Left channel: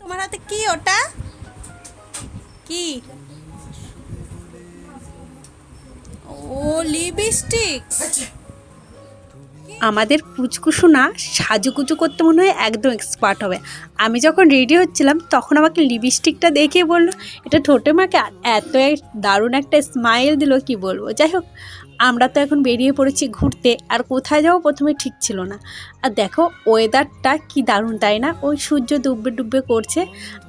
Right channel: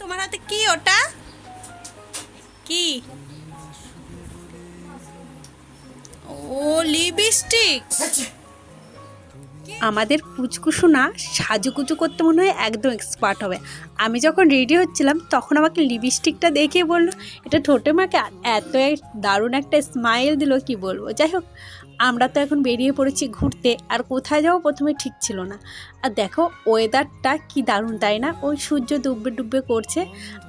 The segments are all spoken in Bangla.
তোমার হাতে কি ওটা? কি? ও, লিপস্টিক। আমাদের পুচকুসু না সাজুগুজু করতে মনে হয় একদম এক্সপার্ট হবে। আমি যখন রেডি হচ্ছিলাম তখন আমাকে লিপস্টিকটা দেখে বললো এটা ঠোঁটে মাকে, আর এত দারুণ একটা স্মাইল দিল কি বলবো। যাই হোক, আমরা তো এখন বেরিয়ে পড়েছি ঘুরতে, আর কোথায় যাবো প্রথমে ঠিক ছিল না। আর দেখো ওয়েদারটা কি দারুণ, তাই না? ওই সূর্য ডুববে ডুববে করছে,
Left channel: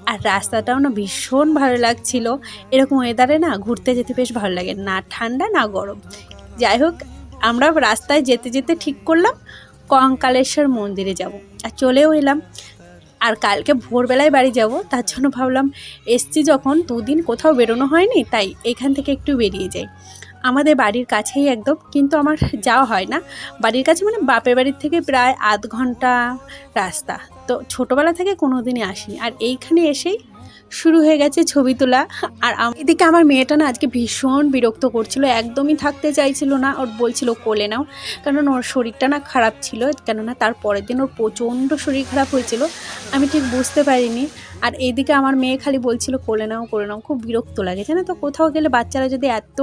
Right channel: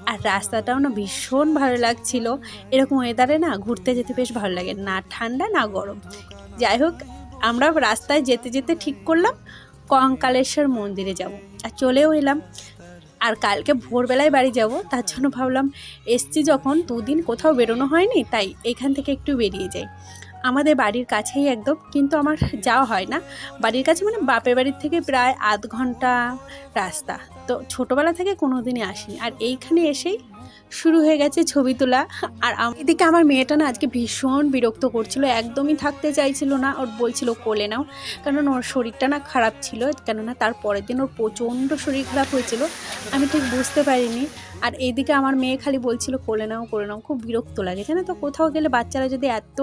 আর রাস্তাটাও না ভীষণ ভালো লাগছিল। এরকম ওয়েদারে না ঘুরতে যেতে বেশ ভালো লাগে, না ঠান্ডা না গরম। যাই হোক, আমরা রাস্তায় যেতে যেতে ঠিক করলাম কঙ্কালেশ্বর মন্দিরে যাব, আর চলেও এলাম। আর কালকে ভোরবেলায় বাড়ি যাব, তার জন্য ভাবলাম এসছি যখন, দুদিন কোথাও বেরোনো হয়নি, তাই এখান থেকে একটু বেরিয়ে যাই। আমাদের বাড়ির কাছেই একদম, কিন্তু আমার যাওয়া হয় না। বাড়ির কাছে মানে বাপের বাড়ির থেকে প্রায় আধ ঘন্টা রাস্তা। তো ছোটোবেলা থেকে কোনো দিনই আসিনি, আর এইখানে এসেই শুরু হয়ে গেছে ছবি তোলা। আর এদিকে আমার মেয়েটা না আজকে ভীষণ বিরক্ত করছিল, একদমই থাকতে চাইছিল না। ওর বলছিল কোলে নাও, কারণ ওর শরীরটা না খারাপ ছিল, কেননা তার পরের দিন ওর প্রচণ্ড শরীর খারাপ হয়েছিল। আমি ঠিক বুঝতে পারিনি। আর এইদিকে আমার মেয়ে খালি বলছিল কোলে নাও কোলে নাও। খুব বিরক্ত লাগে, জানো তো, কোথাও গেলে বাচ্চারা যদি এত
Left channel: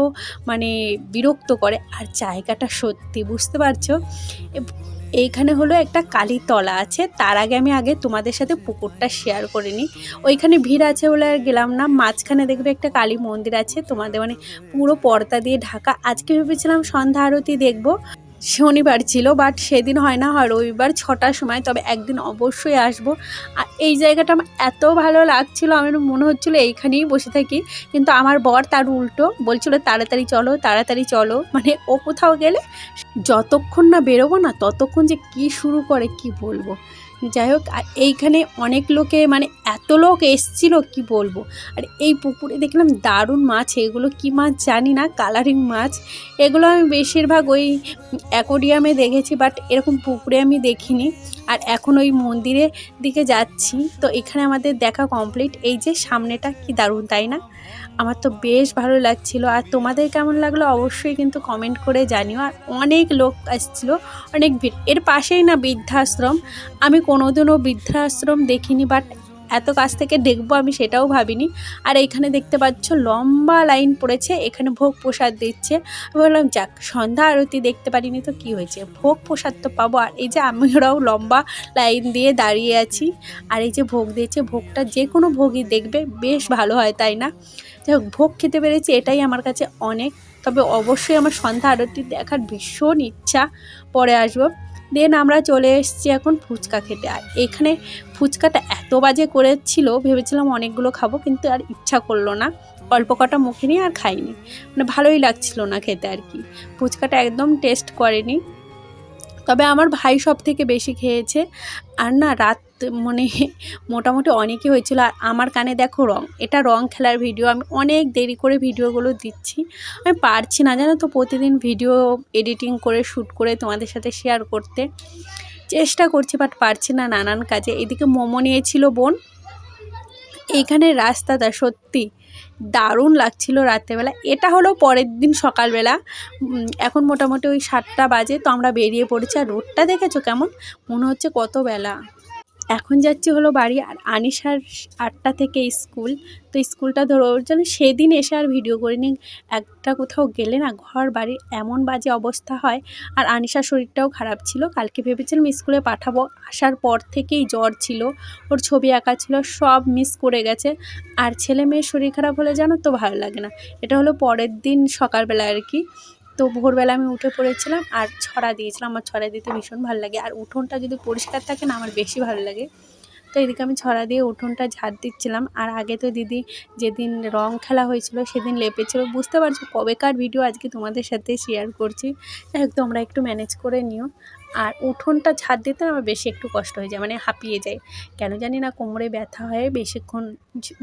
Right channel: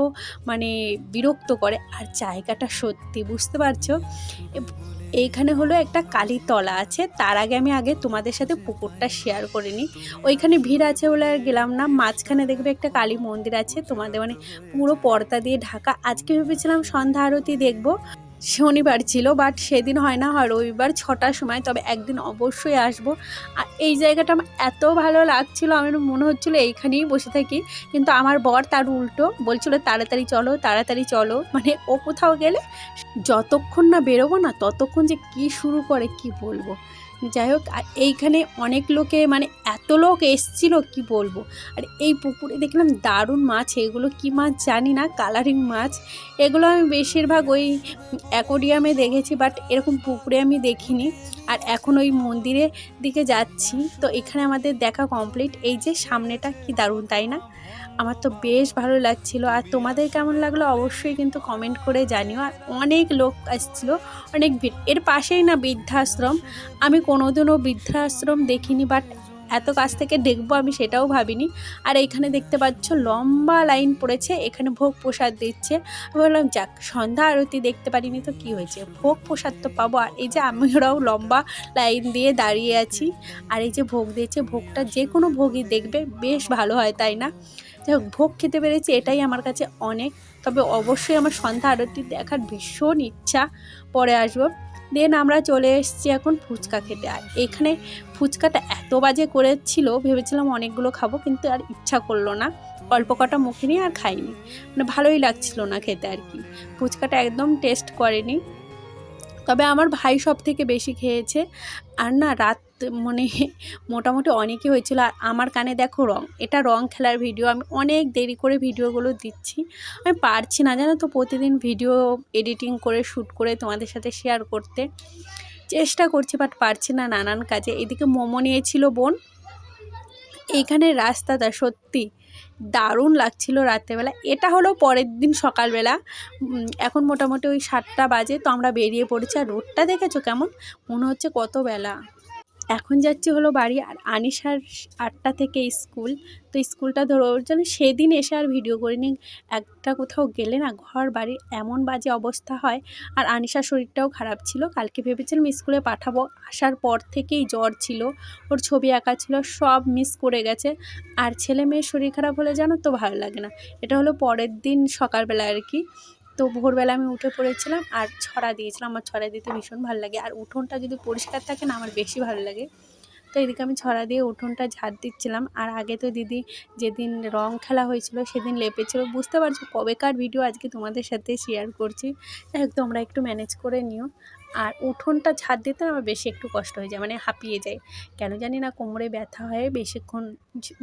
মানে বিরক্ত করে। আর জায়গাটা সত্যি বুঝতে পারছো, এইখানে হলো একটা কালীতলা আছে। তার আগে তোমাদের সাথে পুকুরটা শেয়ার করে নিই। ওইখানে ভিড় আছে বলে আর গেলাম না। মাঝখানে দেখবে একটা কালী মন্দির আছে, তোমাদের মানে পুরো পর্দা দিয়ে ঢাকা। আজকে ভেবেছিলাম সন্ধ্যা আরতি দেখবো, শনিবার ছিল, বাট সেদিন হয় না, হয় রবিবার 6টার সময়। তবে একদিন অবশ্যই আসবো। আর এই জায়গাটা আমার এত ভালো লাগছিল, আমার মনে হচ্ছিলো এইখানেই বসে থাকি। কিন্তু আমার বর তার উল্টো বলছিল তাড়াতাড়ি চলো তাড়াতাড়ি চলো, মানে ও কোথাও গেলে যতক্ষণ না বেরোবো না ততক্ষণ যে কি শুরু করে কি বলবো। যাই হোক, আর এইখানে অনেক লোকে মানে এত লোক এসছিল কি বলবো। আর এই পুকুরে দেখলাম দারুণ মাছ, এগুলো কি মাছ জানি না, কালারিং মাছ। এগুলো আমি বেশিরভাগ ওই অ্যাকোরিয়ামে দেখেছি, বাট এরকম পুকুরে আমি দেখিনি। আর এখন ওই মন্দিরের দিকে যাচ্ছি, তো এখানে আমাদের দেখা কমপ্লিট। এই যে সামনেটা কি দারুণ, তাই না? আমার তো বেশ ভালো লাগছিল। আর তোমাদের কেমন লাগলো অবশ্যই কিন্তু কমেন্ট করে জানিও। আর অনেক লোক আসছিল, অনেক ভিড়। এর পাশেই না বৃদ্ধাশ্রম। আমি কোনোদিনও বৃদ্ধাশ্রম দেখিনি, বাট এত কাছ থেকে দেখবো আমি সেটাও ভাবিনি। আর এইখানে দেখতে পাচ্ছ লম্বা লাইন পড়েছে, এখানে ভোগ প্রসাদ দিচ্ছে। আমি বললাম যাক, সন্ধ্যা আরতি দেখতে পারিনি তো কি হয়েছে, ভোগ প্রসাদ তো পাবো। আর এই যে আমরাও লম্বা লাইন দিয়ে দাঁড়িয়ে আছি, আর এই যে ভোগ দিয়েছে, ভোগটা যে কোনো ভোগই দেখবে বেশ ভালো হয়, তাই না? যাই হোক, ভোগ খেতে পেরেছি এটাই আমার কাছে অনেক। তবে অবশ্যই আমার সন্ধ্যা আরতি দেখার ভীষণ ইচ্ছা, পরে আসবো। দেন আমরা চলে এসেছি এখন ফুচকা খেতে। আর এখানে ফুচকাটা এত বাজে করেছিল, ভেবেছিলাম অনেকগুলো খাবো, কিন্তু আর ইচ্ছা করলো না। অল্প কটা মুখে নিয়ে আর খাইনি, মানে ভালোই লাগছিল না খেতে আর কি। ফুচকাটা একদম টেস্ট করেনি। তবে আমার ভাই সব থেকে বেশি খেয়েছে। আর না রাত মানে মোটামুটি অনেকই হয়েছিল। আর আমার কানে দেখো রং, এটা রং খেলার ভিডিও। আমি অনেক দেরি করে ভিডিওগুলো দিচ্ছি, আমি পারছি না জানো তো প্রতিদিন ভিডিও এডিটিং করে শ্যুট করে তোমাদের সাথে শেয়ার করতে চেষ্টা করছি, বাট পারছি না নানান কাজে। এদিকে মোমো নিয়েছিল বোন। এইখানে রাস্তাটা সত্যি দারুণ লাগছিল রাত্রেবেলা। এটা হলো পরের দিন সকালবেলা। এখন মোটামুটি ওই 7টা বাজে, তো আমরা বেরিয়ে পড়েছি। আর রোডটা দেখেছো কেমন, মনে হচ্ছে কত বেলা। এখন যাচ্ছি হলো বাড়ি। আর আনিশার 8টা থেকে স্কুল, তো স্কুলটা ধরো ওর জন্য সেদিন এসে আর ভিডিও করিনি। একটা কোথাও গেলে না ঘর বাড়ির এমন বাজে অবস্থা হয়। আর আনিশার শরীরটাও খারাপ ছিল, কালকে ভেবেছিলাম স্কুলে পাঠাবো, আসার পর থেকেই জ্বর ছিল, ওর ছবি আঁকা ছিল, সব মিস করে গেছে। আর ছেলে মেয়ের শরীর খারাপ হলে জানো তো ভালো লাগে না। এটা হলো পরের দিন সকালবেলা আর কি। তো ভোরবেলা আমি উঠে পড়েছিলাম আর ছড়া দিয়েছিলাম। আমার ছড়া দিতে ভীষণ ভালো লাগে, আর উঠোনটা যদি পরিষ্কার থাকে না আমার বেশি ভালো লাগে। তো এদিকে আমি ছড়া দিয়ে উঠোনটা ঝাড় দিচ্ছিলাম। আর আগে তো দিদি যেদিন রং খেলা হয়েছিল সেদিন লেপেছিল। বুঝতে পারছো কবেকার ভিডিও আজকে তোমাদের সাথে শেয়ার করছি। যাই হোক, তোমরা একটু ম্যানেজ করে নিও। আর উঠোনটা ঝাড় দিতে আমার বেশি একটু কষ্ট হয়ে যায়, মানে হাঁপিয়ে যায়, কেন জানি না, কোমরে ব্যথা হয় বেশিক্ষণ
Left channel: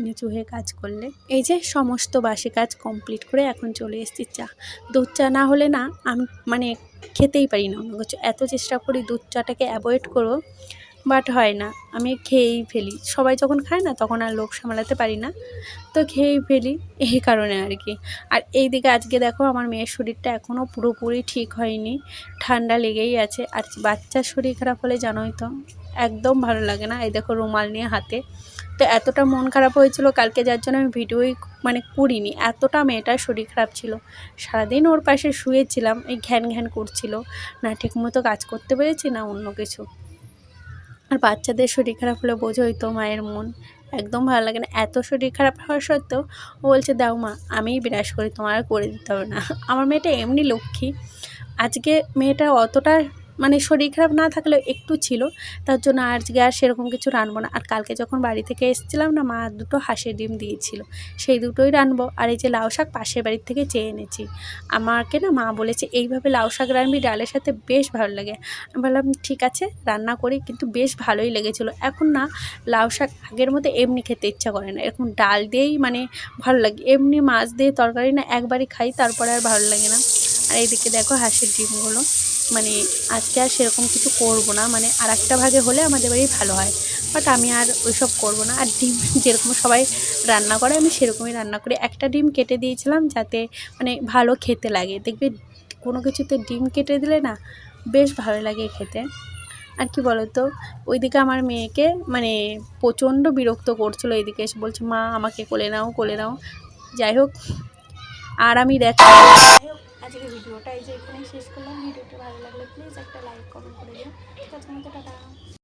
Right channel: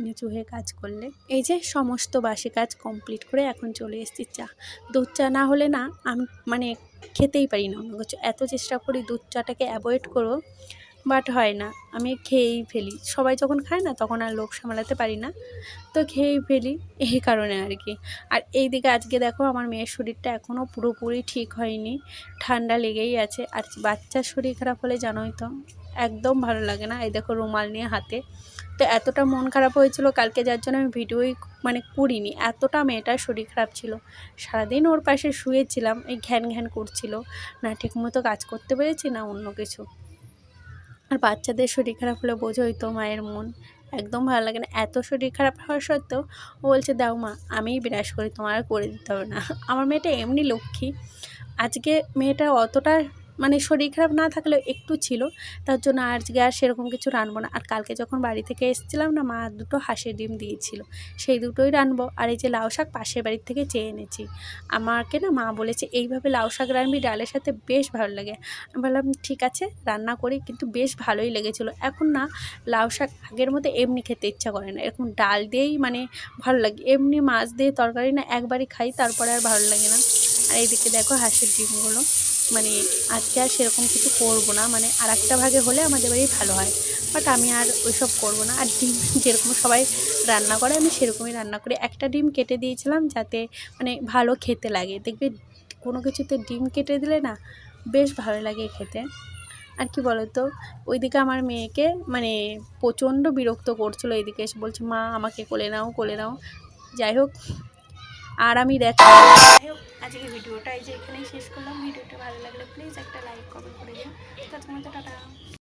নিচু হয়ে কাজ করলে। এই যে সমস্ত বাসি কাজ কমপ্লিট করে এখন চলে এসেছি চা। দুধ চা না হলে না আমি মানে খেতেই পারি না অন্য কিছু। এত চেষ্টা করি দুধ চাটাকে অ্যাভয়েড করবো, বাট হয় না, আমি খেয়েই ফেলি। সবাই যখন খায় না তখন আর লোভ সামলাতে পারি না, তো খেয়েই ফেলি, এই কারণে আর কি। আর এই দিকে আজকে দেখো আমার মেয়ের শরীরটা এখনও পুরোপুরি ঠিক হয়নি, ঠান্ডা লেগেই আছে। আর বাচ্চার শরীর খারাপ হলে জানোই তো একদম ভালো লাগে না। এই দেখো রুমাল নিয়ে হাতে, তো এতটা মন খারাপ হয়েছিল কালকে, যার জন্য আমি ভিডিওই মানে করিনি। এতটা মেয়েটার শরীর খারাপ ছিল, সারাদিন ওর পাশে শুয়েছিলাম, এই ঘ্যান ঘ্যান করছিল, না ঠিকমতো কাজ করতে পেরেছি না অন্য কিছু। আর বাচ্চাদের শরীর খারাপ হলে বোঝোই তো মায়ের মন একদম ভালো লাগে না। এত শরীর খারাপ হওয়া সত্ত্বেও ও বলছে দাও মা আমিই বিরাজ করি, তোমার আর করে দিতে হবে না। আমার মেয়েটা এমনি লক্ষ্মী। আজকে মেয়েটা অতটা মানে শরীর খারাপ না থাকলেও একটু ছিল, তার জন্য আজকে আর সেরকম কিছু রানবো না। আর কালকে যখন বাড়ি থেকে এসেছিলাম না, মা দুটো হাঁসের ডিম দিয়েছিল, সেই দুটোই রানবো। আর এই যে লাউ শাক পাশের বাড়ির থেকে চেয়ে এনেছি, আমাকে না মা বলেছে এইভাবে লাউ শাক রানবি, ডালের সাথে বেশ ভালো লাগে। আমি বললাম ঠিক আছে রান্না করি, কিন্তু বেশ ভালোই লেগেছিলো। এখন না লাউ শাক আগের মতো এমনি খেতে ইচ্ছা করে না, এরকম ডাল দিয়েই মানে ভালো লাগে। এমনি মাছ দিয়ে তরকারি না একবারই খাই, তারপরে আর ভালো লাগে না। আর এইদিকে দেখো হাঁসের ডিমগুলো, মানে আজকে আর সেরকম কিছু করবো না, মানে আর একটা ভাগে হলে আমাদের বাড়ি ভালো হয়, বাট আমি আর ওইসব করবো না। আর ডিম যেরকম সবাই রান্না করে আমি সেরকমই রান্না করি। একটা ডিম কেটে দিয়েছিলাম যাতে মানে ভালো খেতে লাগে, দেখবি কোনো কিছুতে ডিম কেটে দিলে না বেশ ভালো লাগে খেতে। আর কি বলতো, ওইদিকে আমার মেয়েকে মানে প্রচণ্ড বিরক্ত করছিলো, এদিকে এসে বলছে মা আমাকে কোলে নাও কোলে নাও। যাই হোক, আর আমি যাই হোক আজকে ভিডিওটা এই যে এখানেই শেষ করলাম। ভিডিওটা ভালো লাগলে প্লিজ একটা লাইক কমেন্ট করে দিও। ততক্ষণ টাটা।